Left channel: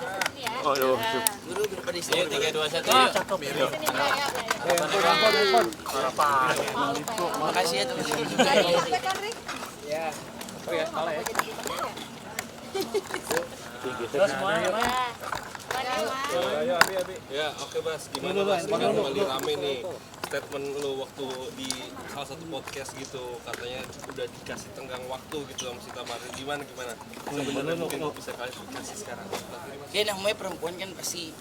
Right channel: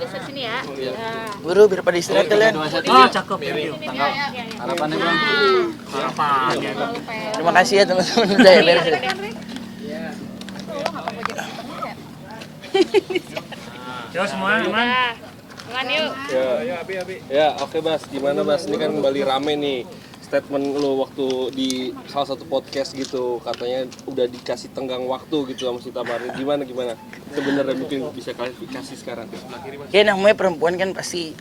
geser sini ya. Buru biar pada istirahat kalian. Cakep ya. Harapannya bang. Harapannya. Terima kasih ya teman-teman udah ya. Yo semuanya. Makan yuk. Ya, oke Bas, gimana Bas? Ini kan kembali rame nih statement lo waktu di salah satu podcast gitu, katanya udah dikasih tenggang waktu gitu sama si Tamarin. Gimana? Sebenarnya mungkin bisa klarifikasi sekarang. Ya namanya perempuan kan pasti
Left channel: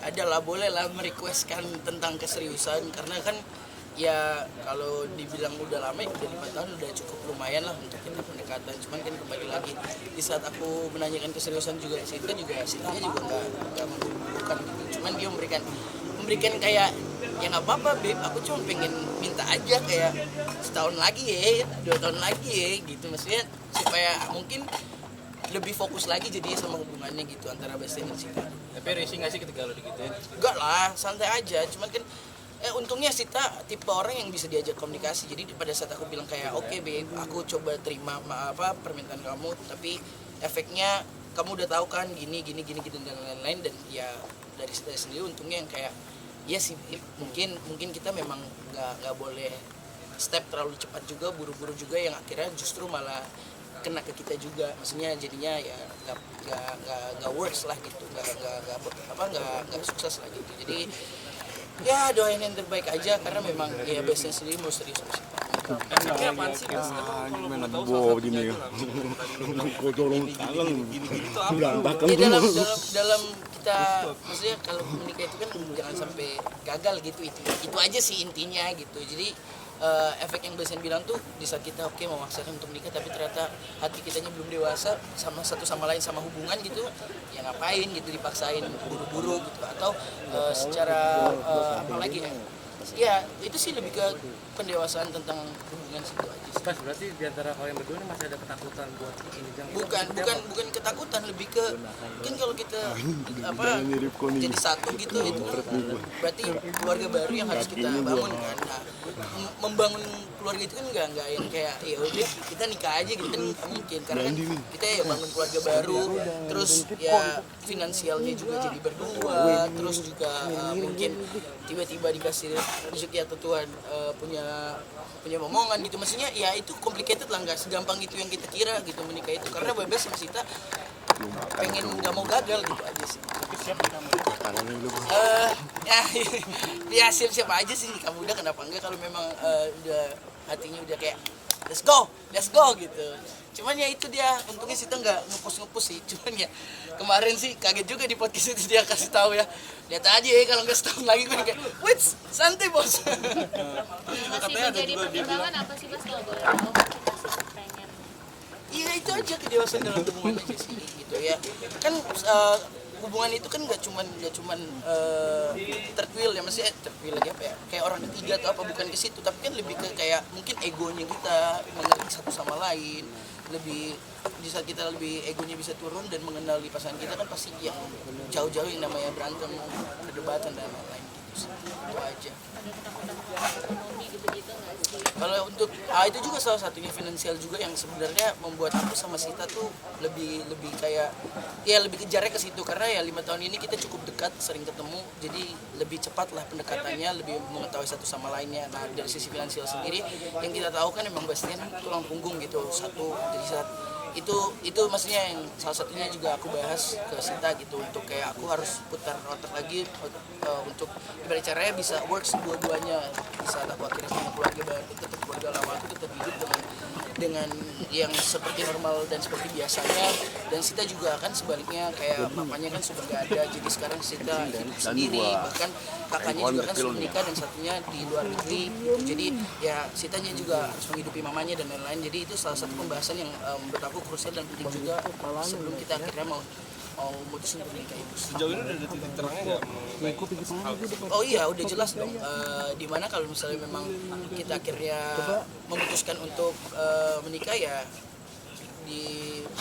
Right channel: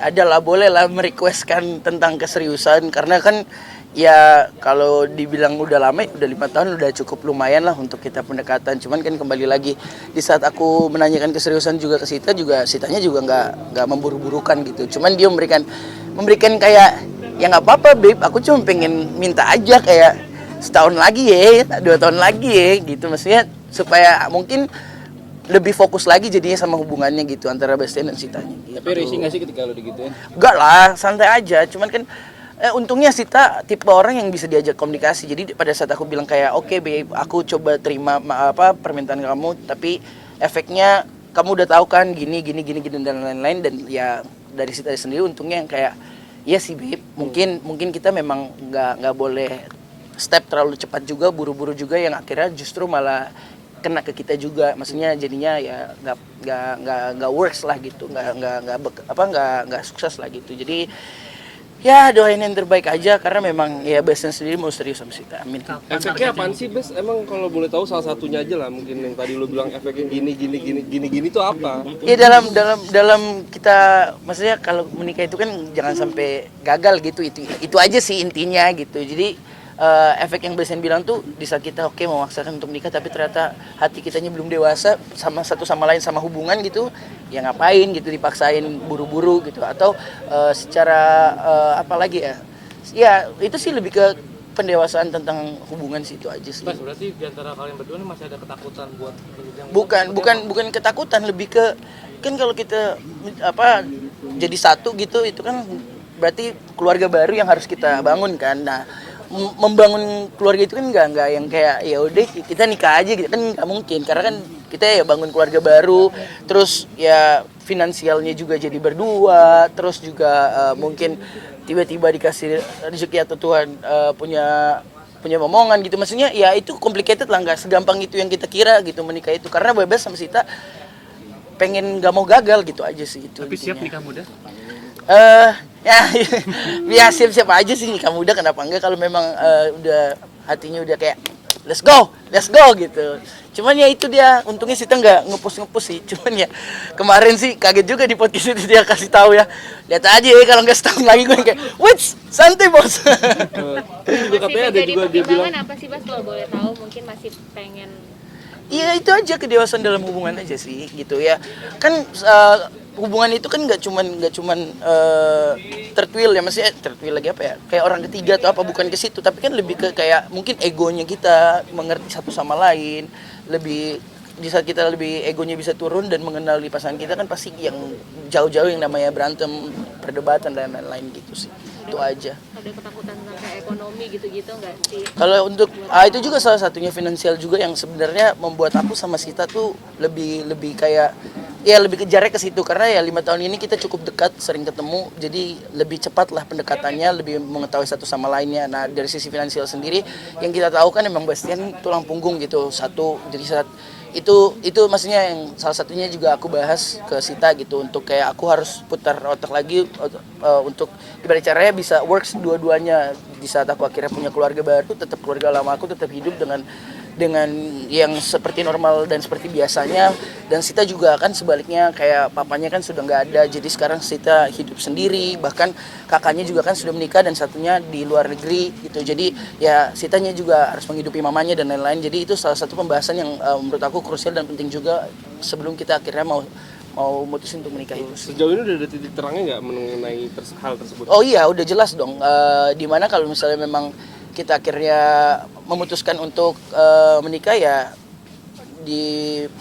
ada lah, boleh lah merequestkan tentang keseriusan karena kan ya kalau dibilang udah lama, udah 5 tahun udah cukup lumayan lah untuk kita pendekatan. Cuman kan kembali lagi di saat aku menanyakan keseriusan juga ke Sita juga, Sitanya juga nggak memburu-burukan gitu. Cuman dia memberikan kayak ya nggak apa-apa babe, aku cuma pengen minta aja kayak setahun lagi ya, 2 tahun lagi ya gitu, maksudnya supaya mungkin lebih fokus lagi jadinya sama hubungannya gitu antara Bastian dan Sita. Tapi risih nggak sih ketika lo digituin? Enggak lah, santai aja. Cuman kan untungnya Sita tipe orang yang bisa diajak komunikasi. Jadi pada saat aku bilang kayak oke babe, aku coba terima permintaan kamu, tapi efeknya kamu udah tahu kan gini dan lain-lain, dan ya dari Sita sendiri untungnya yang kayak iya sih babe, mungkin kita memang nggak boleh step terlalu cepat juga, buru-buru juga yang akhirnya justru malah kena ke kita juga, maksudnya jadinya ya nggak works lah gitu, nggak sukses lah gitu. Jadi ya doain yang terbaik aja karena memang ya Bastian sendiri mau serius sama Sita. Amin. Efeknya apaan sih Bas? Emang kalau boleh tahu salah satunya aja lah, mungkin yang tadi lo bilang efeknya gini itu apa? Ya dalam kita, maksudnya kalau menikah itu kan jangan sampai gagal gitu, itu aja sih intinya gitu. Jadi efek yang Bastian bilang tuh di saat kita oke memaksakan untuk nikah tapi ternyata hati kitanya belum dewasa sama satu sama lain sama hubungan gitu, ya ngapain gitu dipaksain buru-buru gitu, atau secara apa lagi ya itu sih lebih ke pendewasaan tentang hubungan sih, itu aja sih. Mas, berarti di antara kalian berdua ini masih ada ketakutan buat Bukan ketakutan, lebih ke kan kalau kita jadi satu gitu, itu kan berarti keluarga baru yang harus kita bangun kan. Nah, membangun keluarga itu kan nggak yang kayak ya udah kita nikah aja gitu kan, nggak mungkin, karena kan kita ya bangun keluarga baru, terus ya finansialnya juga jadi berdua, terus juga mungkin tiba-tiba dikasih rezeki atau Tuhan punya momongan gitu, maksudnya ya itu complicated lah, nggak segampang itu yang kita kira gitu menikah itu, karena bebas sama Sita pengen nggak mau gagal gitu aja sih itu. Tapi siap nikah muda? Ya siap-siap aja sih nikah muda, kenapa enggak kalau memang udah hatinya udah kayak let's go gitu. Cuman ya itu dia, untungnya Sita nggak ngepus sih. Cuman ya kemarin sih kaget juga di podcast itu dia kasih tahu ya, lihat aja ya kalau nggak setahun lagi gue kayak wits santai bos. Terus juga katanya ada juga dia bilang apa sih Bas kalau boleh tahu, mungkin masih pengen. Iya itu aja, kedewasaan dalam hubungan aja sih gitu ya. Kan hubungan itu kan nggak cuman third wheel ya, maksudnya third wheel lagi apa ya, kayak orang ketiga atau apa, bukan ke situ, tapi kan lebih ke kayak mungkin egonya kita mengerti satu sama lain, lebih di saat kita lebih egonya bisa turun dan mengenali pasangan kita kan pasti yang jauh-jauh yang namanya berantem, perdebatan dan lain-lain gitu sih. Itu aja. Ada ketakutan tentang ekonomi gitu-gitu nggak sih? Kalau untuk itu juga salah satunya finansial juga yang sebenarnya membuat aku sama Sita tuh lebih kayak ya lebih kejarnya ke situ, karena ya 5 tahun ini kita cukup dekat, sering ketemu, jadi lebih cepat lah pendekatannya, lebih mengetahui satu sama lainnya. Nah dari sisi finansial sendiri yang kita tahu kan emang Bastian tulang punggung gitu satu, jadi saat itu maksudnya yang salah satunya juga aku bahas ke Sita gitu, untuk kayak aku harus putar otak lagi untuk gimana caranya bisa works dua-duanya di saat aku akhirnya punya keluarga baru, tetap keluarga lama aku tetap hidup dengan yang seperti normal dan seperti biasanya, dan Sita juga kan sebaliknya kayak papanya kan sudah nggak ada, jadi sekarang Sita hidup sendiri, bahkan kakaknya juga kan sudah menikah dan satunya di luar negeri gitu, jadi ya Sitanya juga harus menghidupi mamanya dan lain-lain. Jadi itu salah satu pembahasan yang menurut aku krusial dan penting juga sebelum kita akhirnya mau mutusin untuk menikah itu. sejauh ini udah ada titik terangnya nggak mengenai hal tersebut? Oh iya udah jelas dong, dimana kalau misalnya memang kita akhirnya memutuskan untuk menikah ya di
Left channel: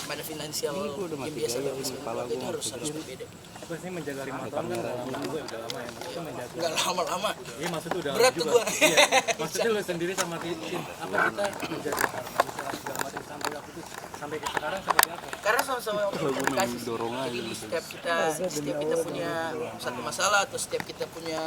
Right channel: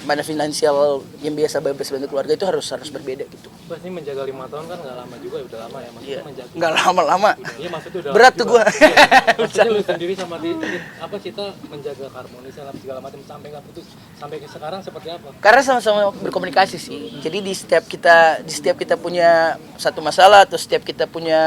mana finansial yang biasa bebas bantu keluarga itu harus berbeda gitu. Bas ini menjaga 5 tahun kan nggak lama juga, udah lama ya. Maksudnya Iya. menjaga. Nggak lama-lama. Iya maksudnya udah Berat lama tuh juga. gua. Iya. Maksudnya lu sendiri sama apa kita menjaga harmonisasi segala macam sampai apa itu sampai sekarang seperti apa? Karena sama-sama berkomunikasi sih. Jadi di setiap kita punya satu masalah atau setiap kita punya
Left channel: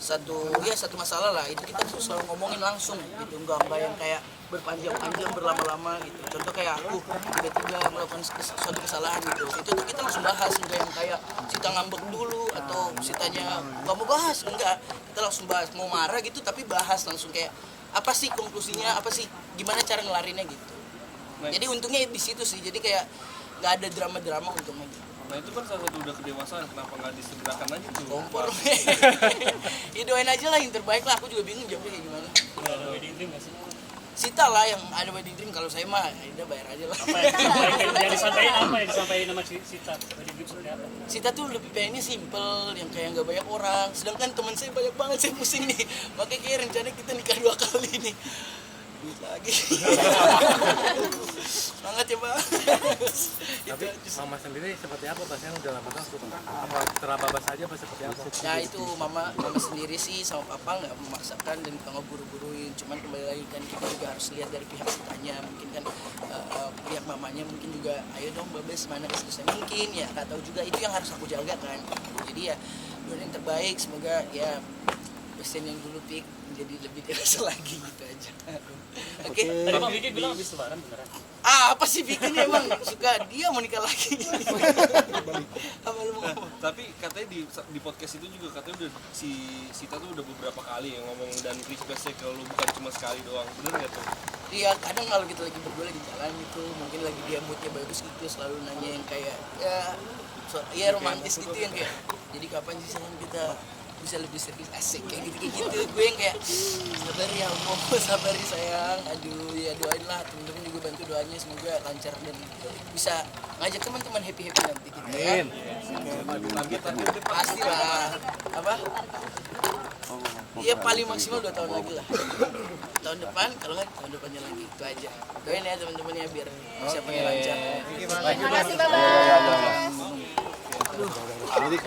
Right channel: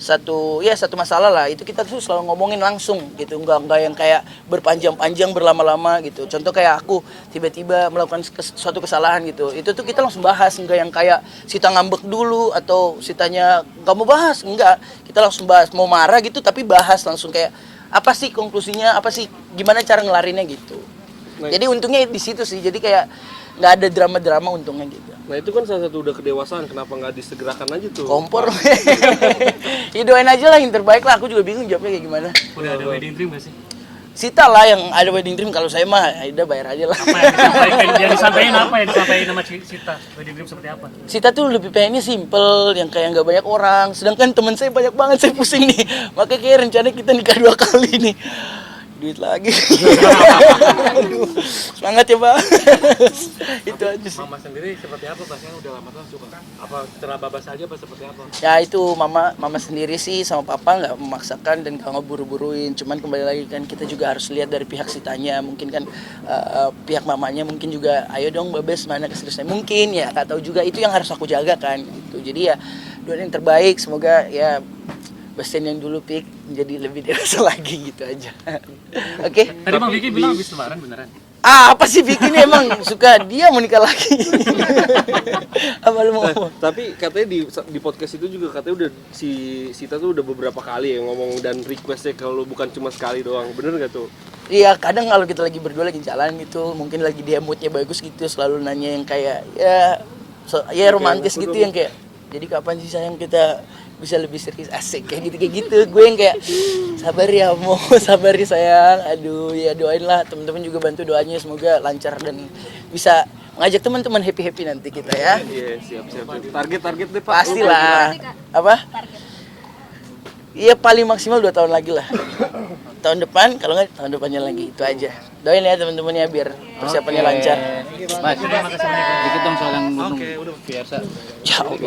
satu masalah lah, itu kita tuh selalu ngomongin langsung gitu, enggak yang kayak berpanjang-panjang berlama-lama gitu. Contoh kayak aku tiba-tiba melakukan suatu kesalahan gitu, itu tuh kita langsung bahas, enggak yang kayak Sita ngambek dulu atau Sitanya nggak mau bahas, enggak, kita langsung bahas. Mau marah gitu tapi bahas langsung kayak apa sih konklusinya, apa sih gimana cara ngelarinnya gitu. Jadi untungnya di situ sih, jadi kayak nggak ada drama-drama untungnya gitu. Nah itu kan salah satu udah kedewasaan, kenapa nggak disegerakan aja tuh? Kompor. Ya doain aja lah yang terbaik lah, aku juga bingung jawabnya kayak gimana. Udah ada wedding dream nggak sih? Sita lah yang ada wedding dream, kalau saya mah Aida bayar aja lah. Yang disampaikan apa yang disampaikan sama Sita? Wedding dream seperti apa? Sita tuh lebih pengennya simple, yang kayak nggak banyak orang. Sedangkan teman saya banyak banget, saya pusing nih. Makanya kayak rencana kita nikah 2 kali nih. Duit lagi. Aduh, semangat ya Pak. Itu aja sih. Mama sendiri seperti apa? Pasien udah lama kan coba. Apa terabas saja apa seperti apa? Ya itu mama sendiri sih sama papa nggak memaksakan dan nggak ngeburu-buruin. Cuman kembali lagi kan kita juga harus lihat dari pihak Sitanya. Mungkin kan pihak mamanya mungkin juga, ayo dong Babes mana keseriusannya. Mungkin ya, nggak tahu juga, itu yang harus aku jaga kan. Gitu. Jadi ya doain yang terbaik, semoga ya Bastian yang dulu pik menjadi lebih dewasa lagi gitu aja. Oke. Tadi Bang Vicky bilang habis lebaran beneran. Apa sih Vicky ini emang suka dia mau nikah lagi. Apa lu mau ngomong? Tapi katanya di podcast itu juga katanya udah si Sita tuh udah beberapa kali ya ngomong dan requestnya kalau bukan cuma sekali doang, bener gak tuh? Iya, kadang kalau kita lagi berdua lagi jalan gitu, mungkin lagi dia moodnya bagus gitu, selalu nanya yang kayak ya romantis gitu, yang kayak jadi kapan sih sayang kita bisa lebih serius, asik kayak gitu gue yang kayak sabar ya mau sabar ya sayang, aduh ya doain lah, teman-teman juga bantu doanya semoga lancar dan bisa ngajak teman-teman happy nanti kita ya. Iya, siap. Target deh Pak. Pastilah. Apa? Iya paling maksimal 2 tahun lagi lah. Tahun depan, kalau nggak tahun depannya lagi, itu aja. Doain ya teman-teman ya biar persiapannya lancar. Baik, kita soal yang biasa. Ya,